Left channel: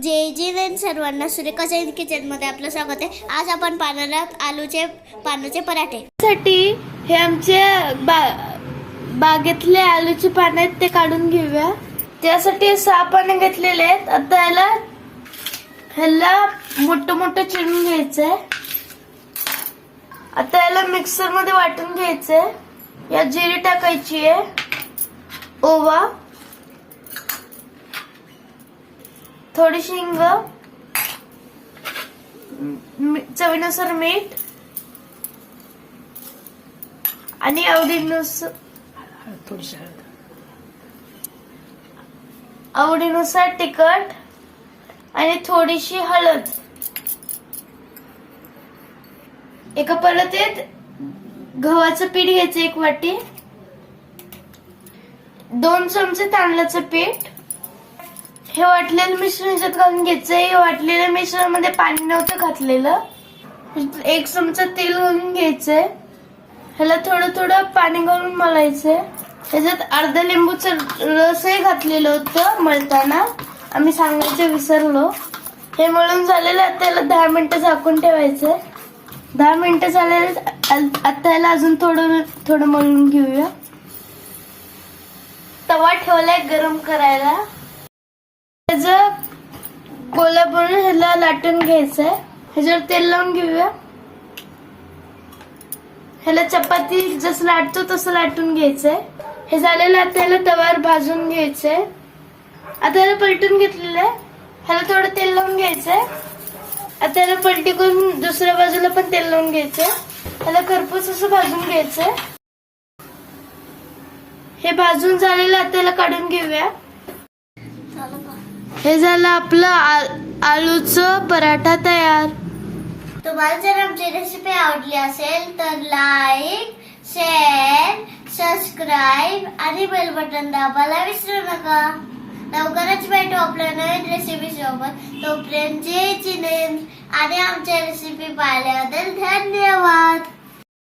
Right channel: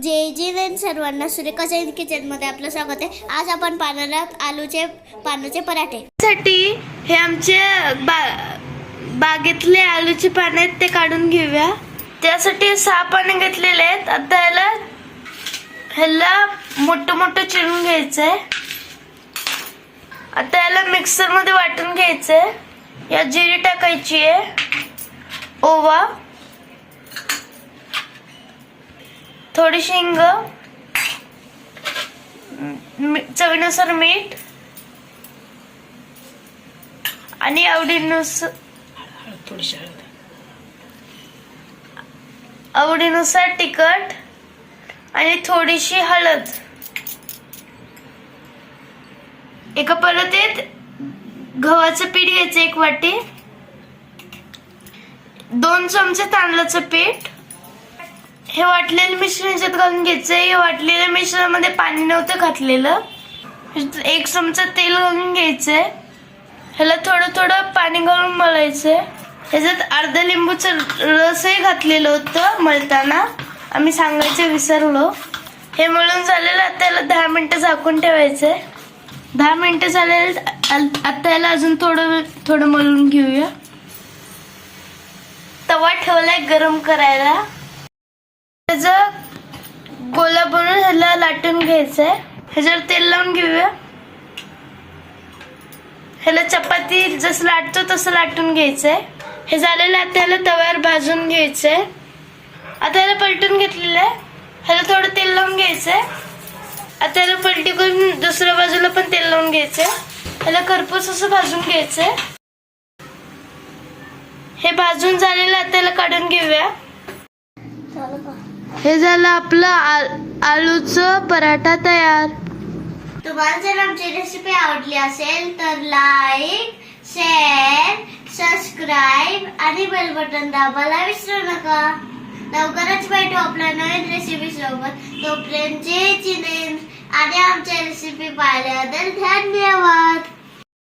जे जीवन सर्वांना सुरेखा जैन किचनमध्ये आपलं स्वागत आहे. आज आपण पाण्याला आलूचे पानाचे पराठे. साठी हे आमचे बा बागेतले आलूचे पानं आहेत ते काढून घेऊया. त्यासाठी सहा पानं घेतलेले आहेत. आता याला ह्याला मोठं मोठं चिरून घ्यायचंय. आता याला मिक्सरमध्ये वाटून घ्यायचंय. या जिरी टाकायची आहे. ओवा. थोडीशी हिंग मी- चवीनुसार मीठ आणि आवडीनुसार थोडीशी हळद. आवडीनुसार तिखट आणि थोडीशी हळद. एका परातीत गव्हाचं पीठ घ्यायचं एक वाटी. दोन चमचे तांदळाचं पीठ. हे वाटलेलं मिश्रण ह्याच्यात घालून घ्यायचं हे वाटलेल्या मिश्रणामध्ये पाणी नव्हतं घातलेलं. एक चमचा तेल घालून घ्यायचंय. ह्याला थोडं थोडं पाणी घालून आहे ह्याच्यात अर्धा लिंबूचं रसही घातलेलं होतं मळताना. आम्ही सांगायचं विसरलो. हे मळून झालेलं आता याला दहा मिनटं झाकून ठेवायचंय. दहा मिनटं झालेले आता याला अजून थोडं थोडं मळून घेऊया. तवा ठेवलाय गरम करायला. ह्याचं गोला बनवून ह्याला लाटून घ्यायचंय. ह्याच्यावर तेल लावून घेऊया. ह्याला चपाती जसं लाटतो तसं लाटून घ्यायचंय. हे झालेलं आता ह्याला तव्यावर भाजून घ्यायचंय. आता ह्याला पलटून घेतलेलं आहे. ह्याला थोडं तेल लावून घ्यायचंय. आता ह्याला पलटी करून दुसऱ्या बाजूला पण तेल लावून घ्यायचंय. ह्याला खरपूस असं भाजून घ्यायचंय. हे भाजून झालेलं आता ह्याला काढून घेऊया. हे झालं आपलं आ- आलूचं पराठा तयार. तुम्हाला जर आमची रेसिपी आवडली असेल तर लाईक शेअर सबस्क्राईब आणि बेल बटन दाबायला विसरू नका. लवकरच भेटू आपल्या नवीन रेसिपी सोबत. तोपर्यंत जय जिनेंद्र आणि आमच्या रेसिपी पाहिल्याबद्दल धन्यवाद.